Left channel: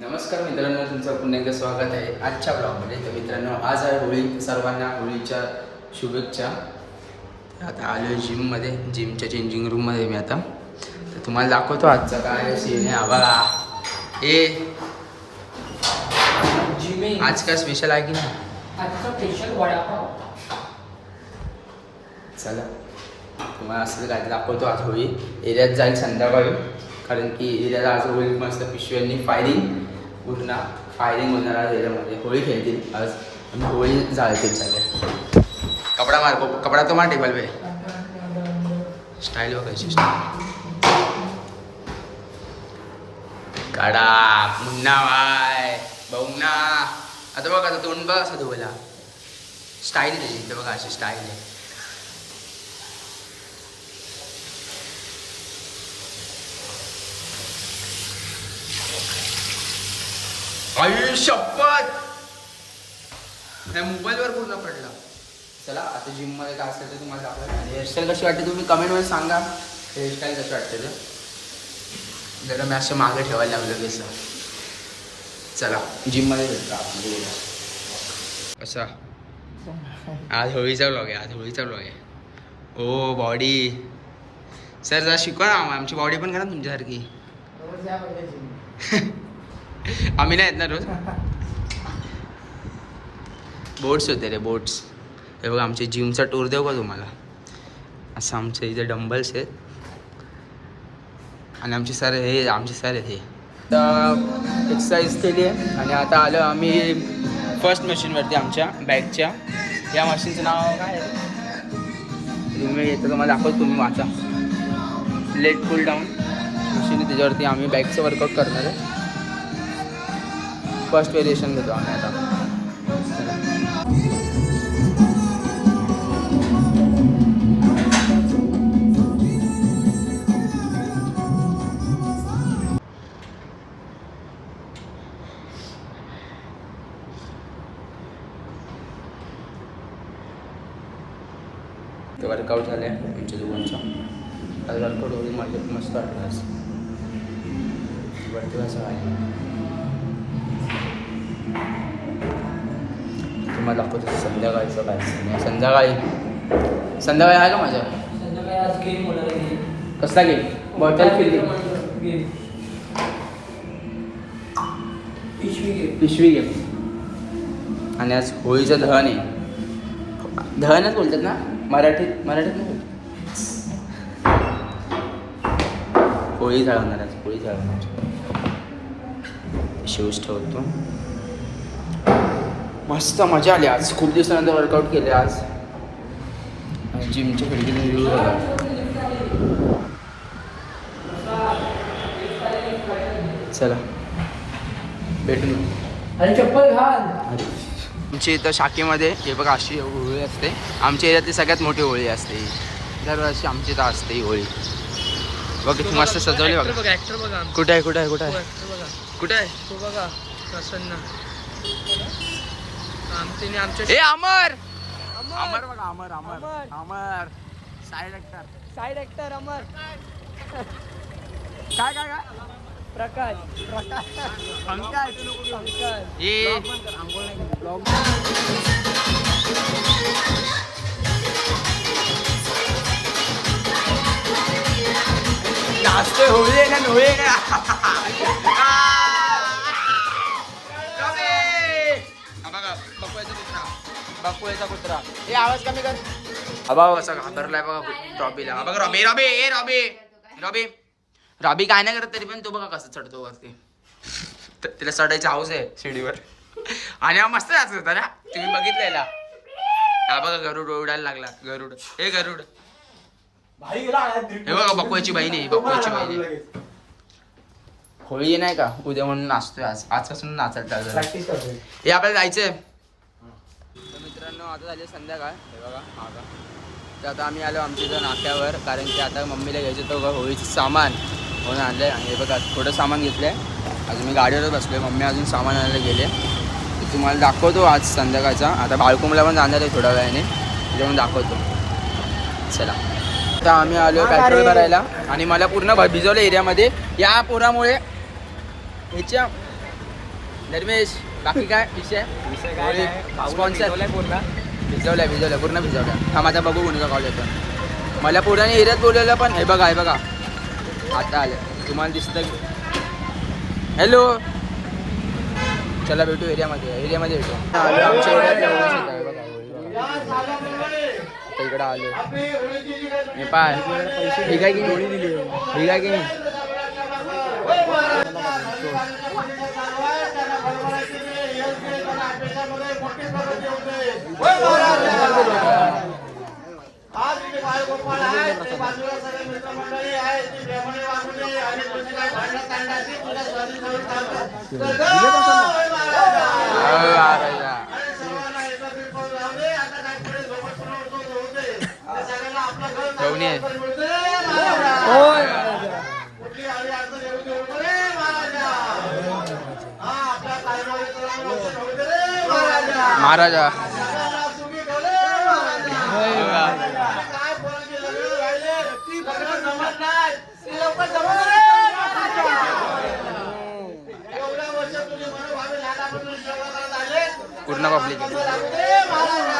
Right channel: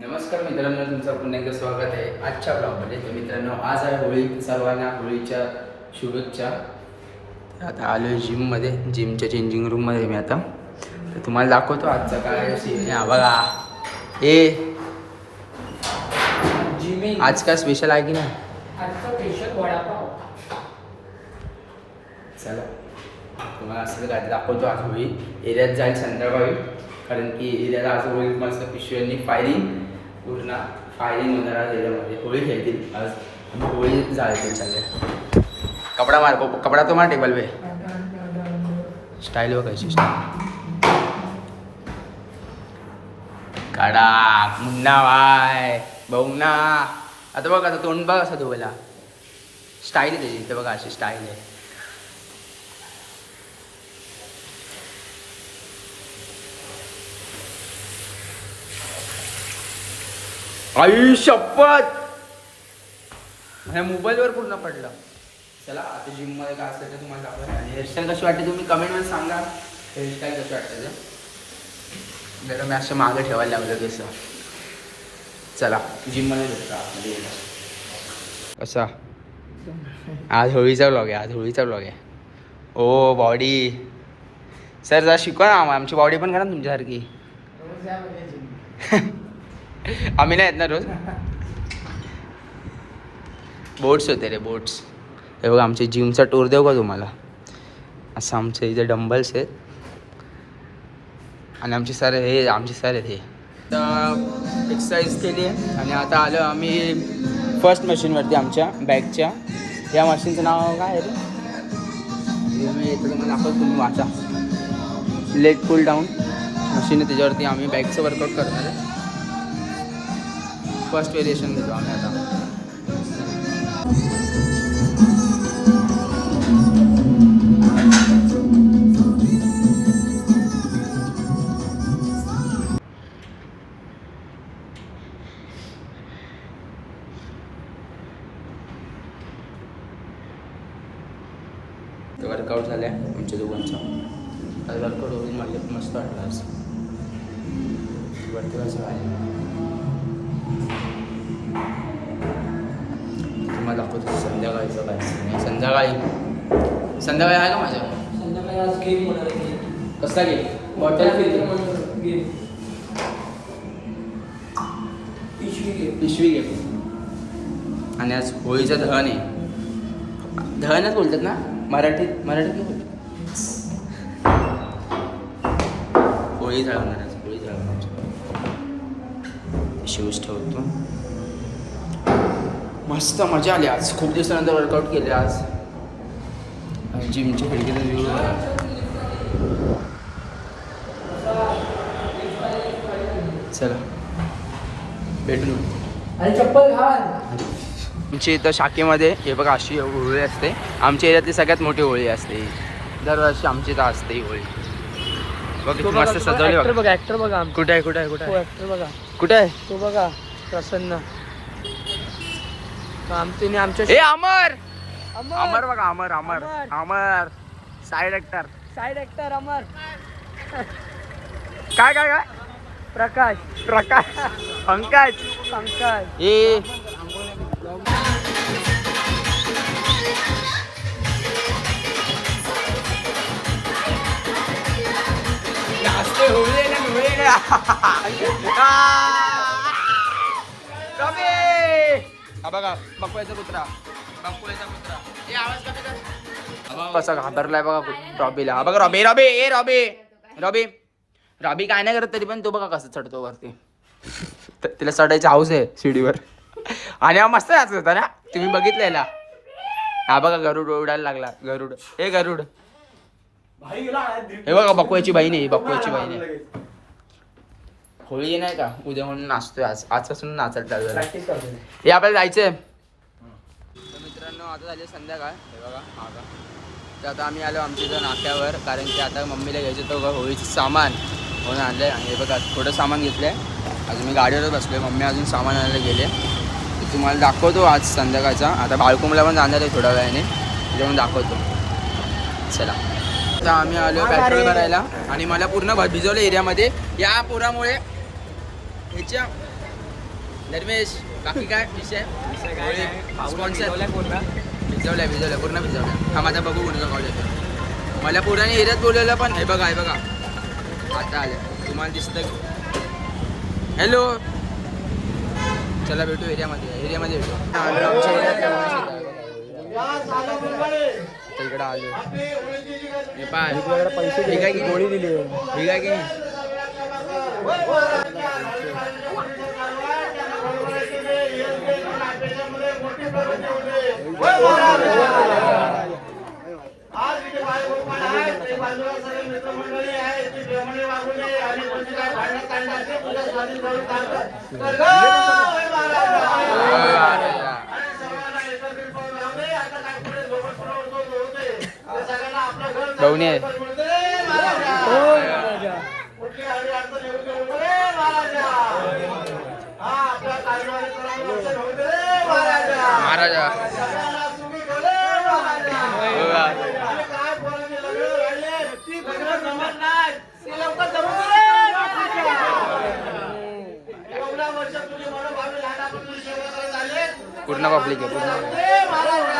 नमस्कार मित्रांनो, तुमचं पुन्हा एकदा स्वागत आहे आजच्या ब्लॉगमध्ये. तर मित्रांनो, आज आहे होळी. सर्वांना होळीच्या शुभेच्छा. आता आलो आहे जिममध्ये, जिमच्या चेंजिंग रूममध्ये मी आता. तर तुम्हाला दाखवतो आजचा काय सीन आहे. बघा जिमिंग आज काय स्पेशल आहे की नाही. आजचा स्पेशल वडापाव. चला तुम्हाला असं काय दाखवतो. आज होळी एरियात जाईल संध्याकाळी, कारण की एरियाला आज होळी मस्त पिशव्यांनी पूर्ण फायरिंग होणार आहे. एरियामध्ये होळी खेळतील आज आणि होळी जाळतील सगळे. कपडा मार, कपडा तो मार टेबल पे. स्टाईल बघायची, स्टाईल काढा मुन्ना बाय बघ ना. आता बघ, आता तोंड बघ असं धुवायला. स्टाईल आहे त्याची, इथे बघा अशी स्टाईल आहे. आई शपथ, माझ्या मोबाईलवर पूर्ण पडलं. चला आता जिममध्ये काय असतं ते तुम्हाला दाखवलं. आणि हेअरस्टाईल कशी वाटते तुम्ही कमेंटमध्ये सांगा. हेअरस्टाईल कशी वाटते तर जरा मी असं मागे ठेवायला लागलो केस. चला जिममध्ये भेटतो आतमध्ये गेला. कसा आज होळीचा व्लॉग आहे, आज होळीचा व्लॉग आहे. ओ बॉडी सर जरा शिकवा ना, आमची बॉडी पण करा तुमच्यासारखी. आम्ही नाही येत ना रोज. बोट्स होते रे, बोट्स. हे बघा आमचे जिमचा टूर देऊ का तुम्हाला. असं आमचे इथे डंबल्स आहेत आणि आमचे सर आहेत हे. तर एक्सरसाइज केली आहे आणि आता आलो आम्ही फर्स्ट मशीनवरती आमच्या बॅगच्या. या मशीनचं नाव काय आहे तुम्ही येतं तुम्हाला दाखवतो, तुम्ही वाचा. लेग पुल डाऊन मशीन, त्याच्यावरती आम्ही बॅगचं वर्कआउट करणार आहे. फर्स्ट व्हेरिएशन घेतो आम्ही आता. वर्कआउट झालं आहे आमच्या दोघांचा. वर्कआउट होईल माझ्यात मस्त वाटलं आज. वरती असं आहे तुम्हाला दाखवतो संध्याकाळचं काय. संध्याकाळी आहे का माझ्या. संध्याकाळी आज गेम होणार आहे. कसला गेम. बॉटल फिलिंग पिशवी गेम. आणि आज होळीचं दहन आहे. दहनच बोलतात ना मराठीत नाही. होळी जाळवणार आज, होळी जाळवणार. शूज ठेवतो. मस्त मजा आली आज. खूप दिवसानंतर वर्कआउट केले आज. जिमच्या खिडकीतून व्ह्यू बघा. चला भेटून. आणि चप्पल घाल. आमच्या इथं शाखेमध्ये हे बघा अशी होळी असते. आमच्या एरियातली सगळ्यात मोठी होळी असते. दरवर्षी आमची इथं असते ही होळी. बघ मस्त सजवली बघा. ऍक्टर बघा. कुठे आहे ऍक्टर बघा. कुठे आहे तो बघा प्रसन्न. आमच्या ए अमर बघा. अमर साईड ऍक्टर अमर. काय प्रकाश पंकज ए नाचतोय. होळी आहे ना, होळी बघा. बकुळेचा कुत्रा हे आवाज कमी कर. बघा कसा घाबरलाय बघा रॉबीला. हा बघा रॉबी काय नाही करत तरी पण तो बघा कसं चढतो वरती. तिला चढायची हाऊस आहे शिडीवर. आणि हा मस्त नाचत होता ना, तुम्ही बघितलेला. हा बघा गरुड उडायला लागला. गरुड हे बघा बकुळ्याची बहीण आहे. होळी नाही का उद्या म्हणून नाचतोय. आजपासून नाचायला चालू झालं. हे आपल्याला जायचंय. तर मित्रांनो आता झाली संध्याकाळ. हे बघा मागा. तर आता आम्ही आलो आमच्या इथं नाक्यावर, कारण की आता मम्मीला घ्यायचं होतं होळीचं सामान म्हणून आणलं आहे. आणि हे बघा थोडं सामान घेतलं आहे. अजून मी गाडीवर बसलो आहे. मम्मी अजून सामान आणायला गेले. तर तुम्हाला दाखवतो आज संध्याकाळचा. आता बाळकुंबला पण जाणार आहे थोड्या वेळाने, त्याच्यामुळे दाखवतो. चला आता आम्ही आलो पेट्रोल भरायला. आणि मला पूर्ण भिजवलं एरियामध्ये या पोरामुळे. ह्याच्या धर्मेश बाकी काय विषय विषय काय नाही Sponsor. बोलला भिजवल्या पूर्ण भिजवल्या हा माझा बघू कोणता कॉल येतो मला पुराने एरियात बोलवलं पण हे बघा आता आले तुम्हाला दिसतं हॅलो चला भेटू एरियामध्ये येतो आलो आमच्या एरियातल्या इकडे आलो नेपाळ पैसे दिला की गोळी दिली दिला की नाही भाऊनी आहे महाराजा पूर्ण पब्लिक आहे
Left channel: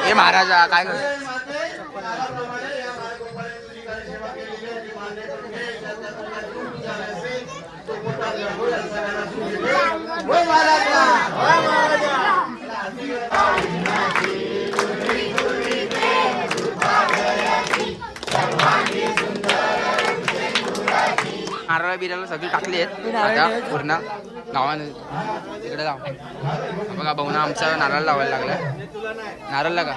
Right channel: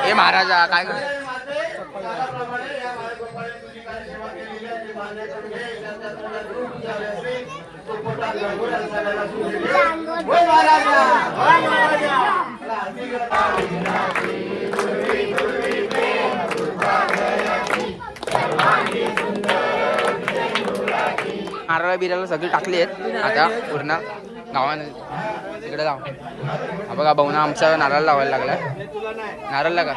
ए महाराजा काय करतो नारळ बिराला सगळी टाकली आहेत आता पूर्ण गावाने इकडे जाऊ हा बघा भाऊना आमचा नारळ लावायला लागलाय नारळ लागा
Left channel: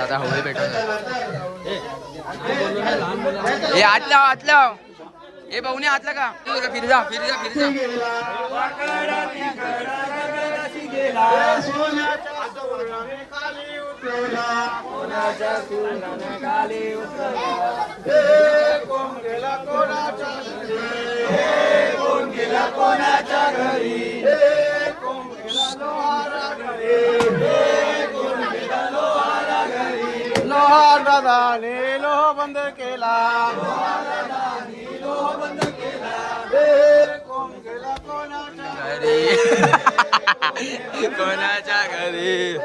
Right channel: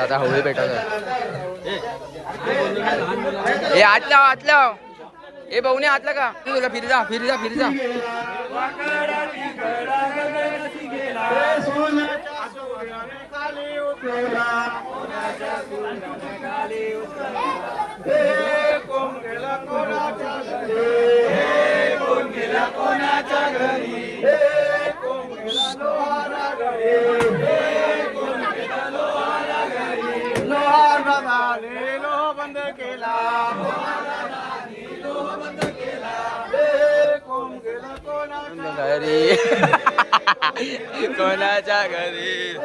आता होळी पेटवत हे आत लाव ए भाऊने आतला का फिर जा लोह बंद केला घरी कोणाच्या घरी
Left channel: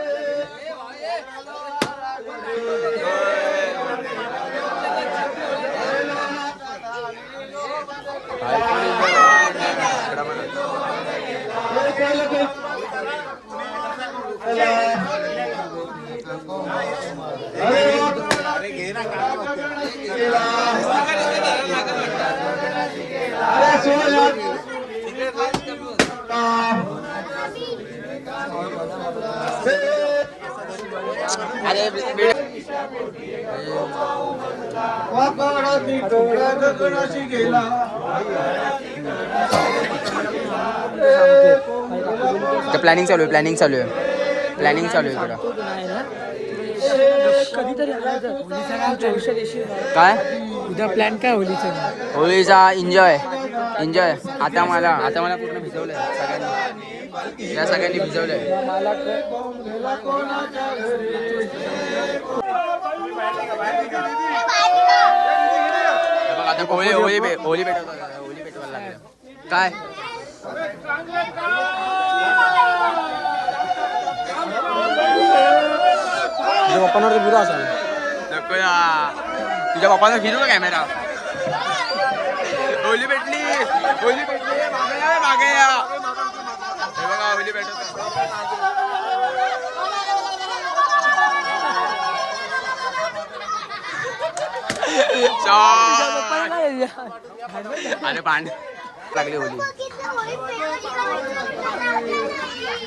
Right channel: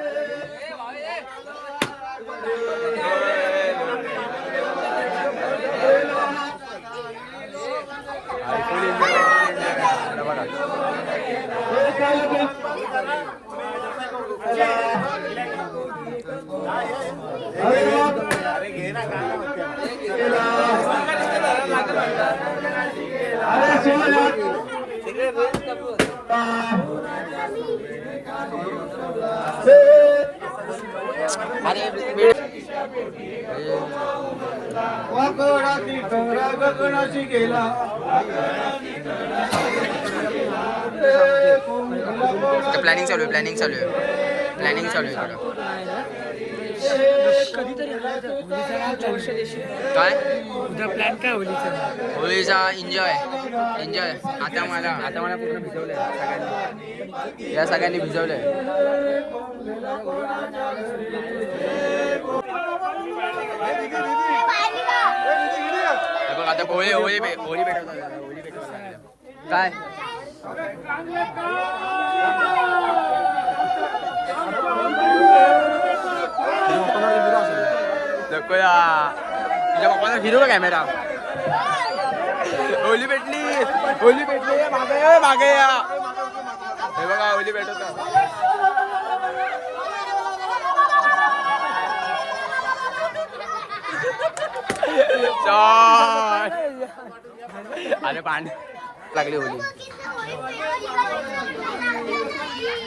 प्लॅनिंग चालू आहे इकडं काय उद्या प्लॅन काय होळीचा एन्जॉय आता मला पूर्ण भिजवलंय सगळ्यांनी या सगळ्यांनी भिजवलंय बघ आता होळी पेटवतात काय तुझ्या पप्पांना फिरू का कॅमेरा होळी पेटली मागे या हे बघा होळी पेटवत अरे पाणी लागली होळी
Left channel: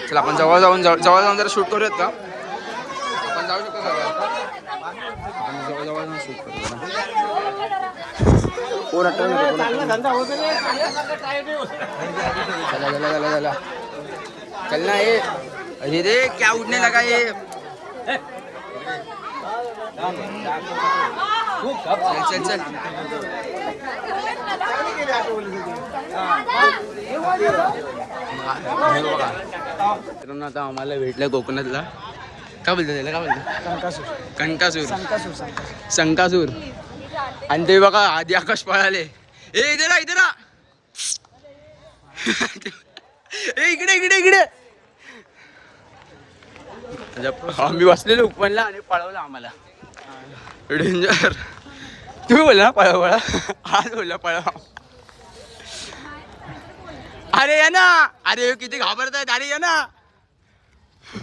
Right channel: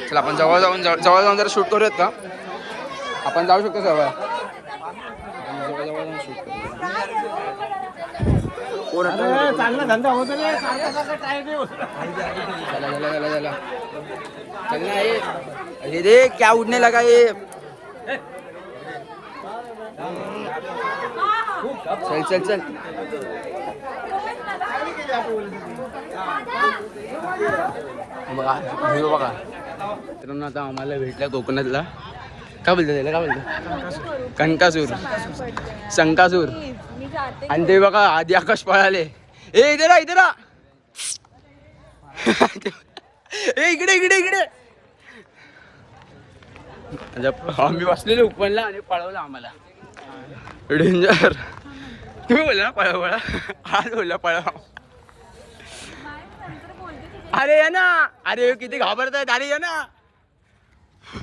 चला आपण जवळ जाऊन जरा शूट करूयात का आपण जाऊ शकतो जवळ आपण जवळ जाऊन शूट करूया कोण अटल नको चला चल ना ये रे क्या उड़ने लगा ये चल चल चल बघा व्ह्यू बघा मित्रांनो. आता आम्हाला भेटलं कोकणातला काय बोलतो त्याला काय बोलतो कणकासूर शंकासूर. आणि ते बघा आधी आकाश पळाले. ए इथे ना इथे ना ए इकडे इकडे इकडे. आम्ही बसलेलो उपनला आणि पळवलं आम्हाला. डेंजर. तुम्ही बोलला ना पळा पळा आज बोलला पळा. अरे या ना अरे किती घाबरतायत अरे या ना.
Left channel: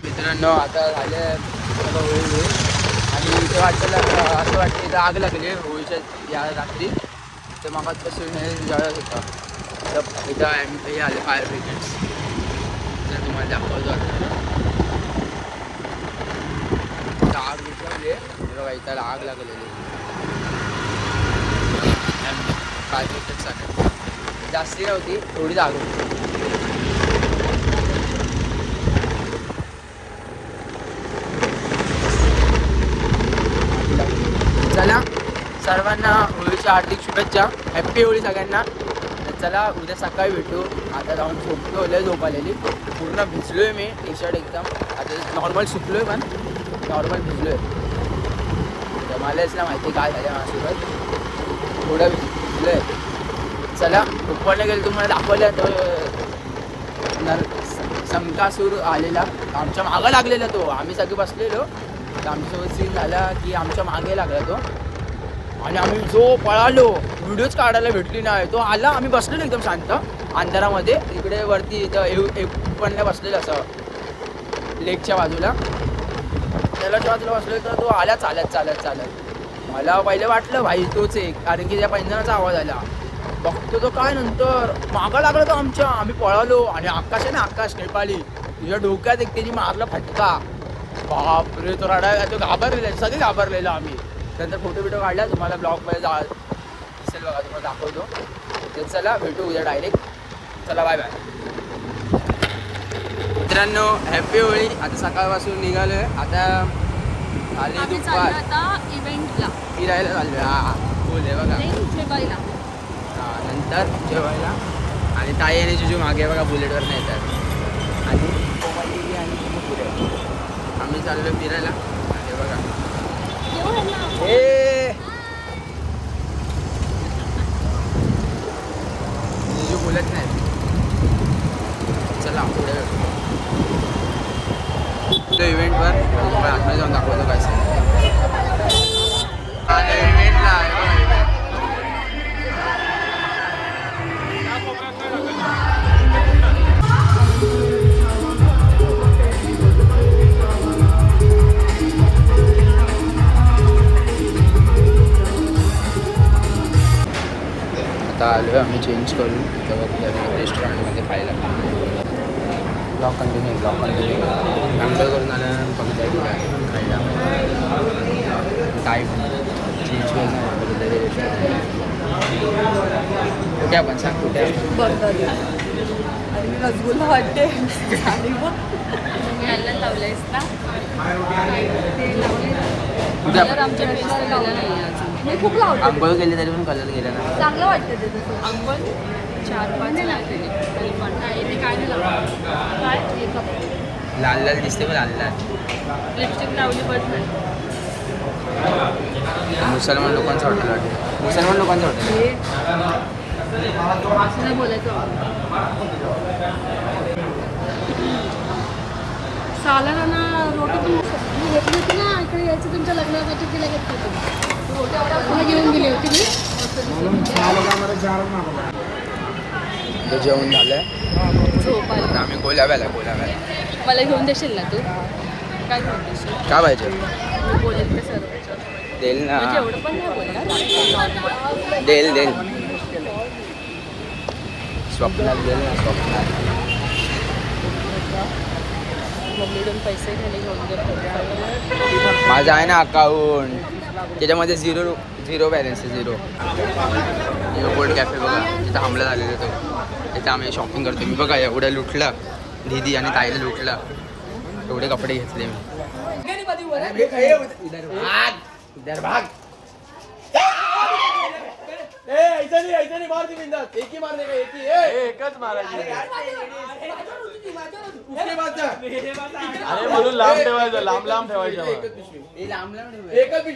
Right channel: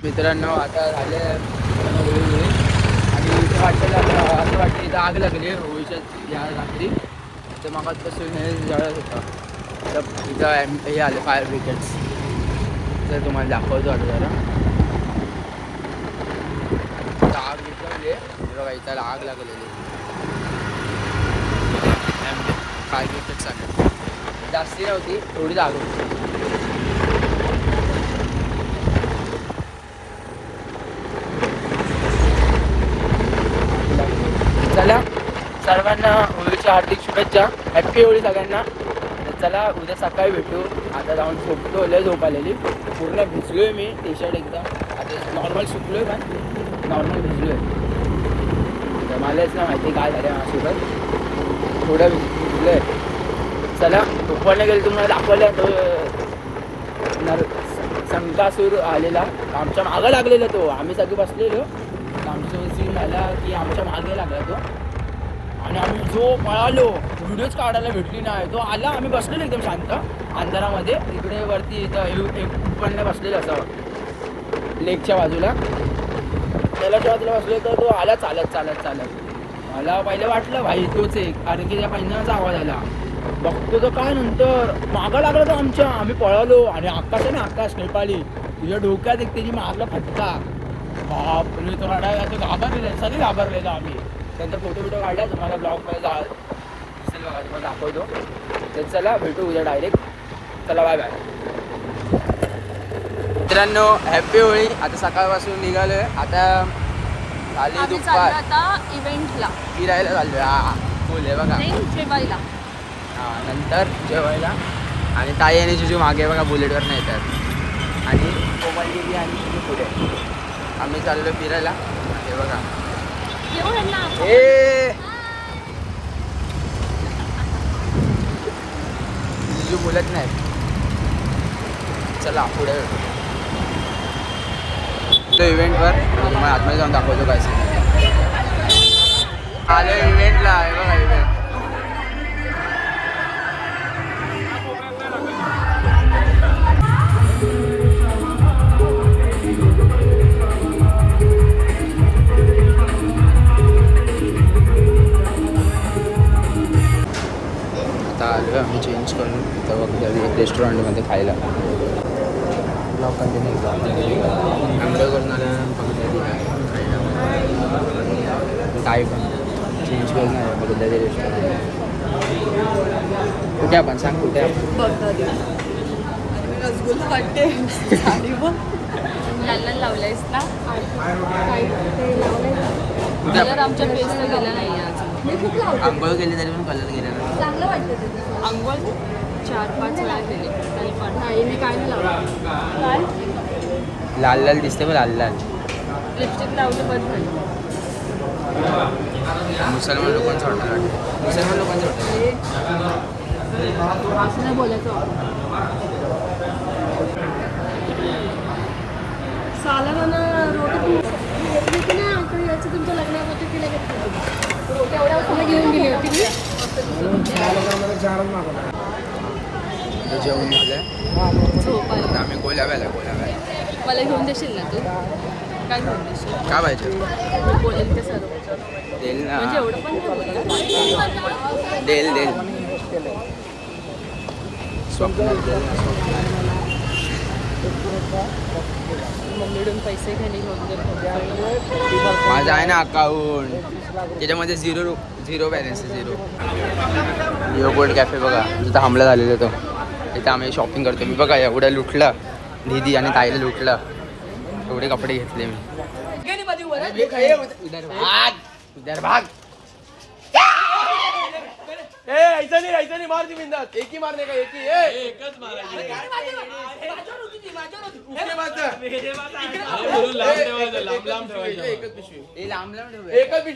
मित्रांनो आता झाले आणि इथं वाटतं असं वाटतं इथं आग लागली होळीच्या या रात्री. तर मग पासून जळत होतं. तर इथं हे आले फायर ब्रिगेड्स. तर तुम्हाला दाखवतो आग विझवली बघा. इथं आग लागलेली जास्ती नव्हती थोडीच आग होती. चला सर्वांना होळीच्या हार्दिक शुभेच्छा. हॅप्पी होळी सगळ्यांना. चला उद्या सकाळी भेटू. आता जाऊन झोपतो लय झोप आलेली. पूर्ण भिजलोय मी. टी शर्ट एकदम आता नॉर्मल सुकलोय पण नॉर्मल भिजलोय. मलाच ना माहिती काय झालं माझ्यासोबत. थोडं भिजलोय. चला उपवाने गेलं तुम्हाला दाखवलं. शंकासूर आलेला आमच्या मागं लागलेला तो. आम्ही सगळे बसलेलो. आमच्यासोबत सीन झाला की आमच्या मागे लागला तो आणि आम्ही जो पळालो व्हिडिओच काढायला भेटली नाही. तो आला आम्ही बसलेलो एकदम शांत अंधारामध्ये. इकडे वरती इथं एक पण बसलेलं असं लेकच्या बाजूला त्याला बाजूला बसले. तर तो आला चालत चालत चालत. मला पहिलं वाटलं भाई तोच एक कारण की त्या पैंजणाचा आवाज आला. बघतो तो काय नंतर मागा लागला तो आमच्या. आम्ही पळालो आणि आकाश आहे ना आकाश नेपाळी तुझ्या डोक्यात एक त्याची मारला फटका. बापरे तो रडायला तो घाबरलेला. सगळे घाबरलेलो आम्ही. नंतर फोटो बिटो काढला. तुम्हाला ब्लॉगमध्ये दिसेल बघा तुम्हाला दाखवतो. तर चला भेटू उद्या डायरेक्ट. चला बाय बाय मित्रांनो. हॅप्पी होळी. आता सकाळपासून निघालोय. आता खाली दुपार आता इव्हेंटला फिरायला चाललोय. हा फुल आहे बघा. हां नंतर जेवायला. आणि ताई आणि जिजू मागे बघा बुलेटवर नाही येतात. आणि आम्ही चाललो फिरायला. हे बघा जिजू बोलत नाही. चला पुढे इव्हेंटवर आता तुम्हाला आतमध्ये जाऊन दाखवतो काय आले इव्हेंटला. आहे बघा इव्हेंट. आता आलो आम्ही चेंज करून तेव्हा कुठे रेस्टॉरंटमध्ये खायला. ब्लॉग कंटिन्यू आंघोळ करून आलं बघितलं खायला. काय पण चेंज करून रेस्टॉरंट कुठे आपण सांग कुठे लावलंयस ना कुठे आपण आमच्या फेसला गेला नाही अजून. आंघोळ केली तरी पण कलर गेला ना. अंघोळ 4-5 वेळा केली तरी पण लाल लाल दिसते मग लाल लाल. लिपस्टिक लावली पण मुसलमान लोकांचं हॉटेल वाटतं. मुसलमान लोकांचं हॉटेल असं नाही बोलायचं. सालाना रोटी ना इकडे यायचं तुमच्या लग्नात घेऊन गेली होती मी. जेवण झालंय. झोपायला आता आम्ही गोल्याव्याला मला घेऊन देशील ना तू. काय घेऊन देशील. काय पाहिजे मी बोलेल ते सर्व देईल ना. म्हणजे एवढं पण नाही बोलणार. देईल स्वप्नात देईल ना स्वप्नात. मम्मीकडून पैसे घेऊन दे. माझं आहे ना अकाउंट त्याच्यामध्ये झिरो बॅलन्स आहे. झिरो गोल्ड कॅफे बघा इथं हमला झालेला तो. इथं आम्ही शॉपिंग करतो. मी बघा एवढं लुटलं. दीदी आणि ताईला लुटलं. एवढे कपडे घेतले मी. इधर भाग नाही यायचं नाही मार ती बिंदास एक ही मारने का एक ही एकच मारायची अरे म्हणून लांब ठेवायचं लांब लांब ठेवायचं एकच पिशवी लांब लांब ठेवूया. एकच पिशवी